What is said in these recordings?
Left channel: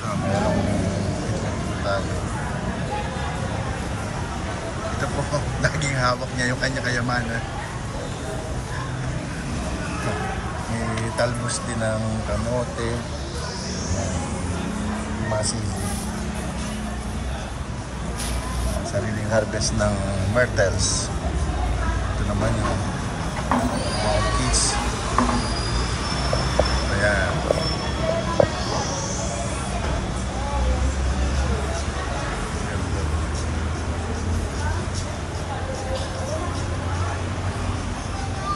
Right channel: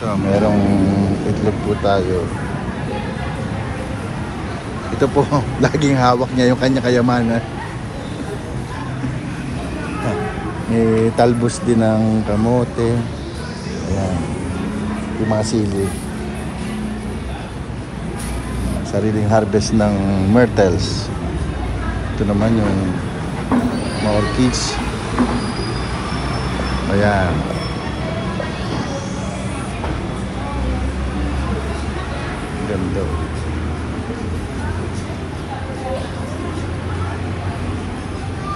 Ito, merong itlog po tayo. Ito po, laging hawak niya yung kanya kayamanan. May talbos din ng kamote. Ayan. Yung mga sili. Sariling harvest ng myrtles. Ito naman yung mga orchids. Ayan. Ganda.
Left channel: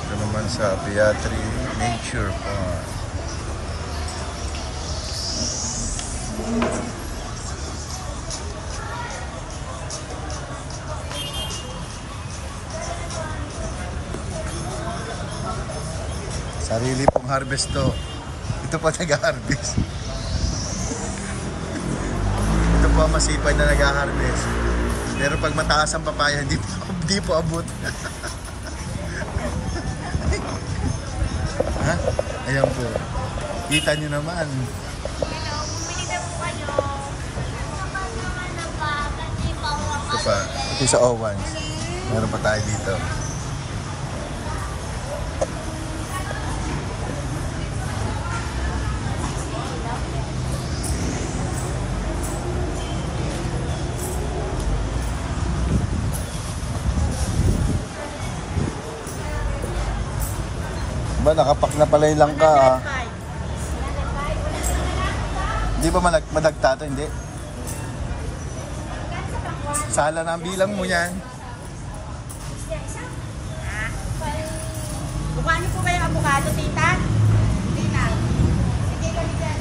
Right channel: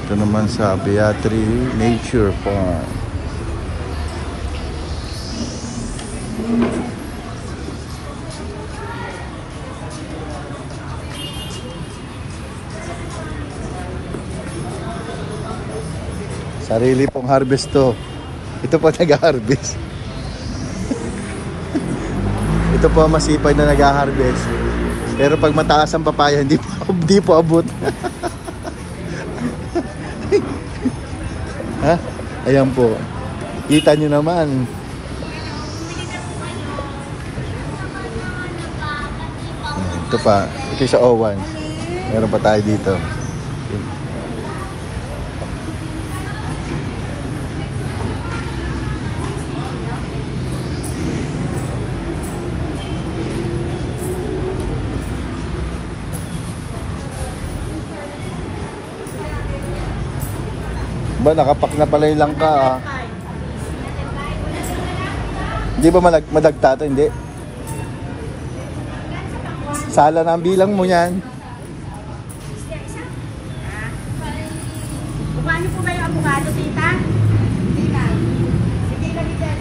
Ito naman sa Beatri Nature Farm. Sarili pong harvest to. Ito po nag-harvest. Ito po masipag na nag-harvest. Pero pag mataas ang papaya, hindi po abot. Ha? Ayan po. Kita nyo naman. Ito pa. Ito sa Owens. Meron pa tayo dito. Ba, nakapak na pala yung langka ah. Hindi ba madagta ito? Hindi. Sala na ang bilang mo yan. Paano po ba yung abukado, tita? Tita. Sige lang dyan.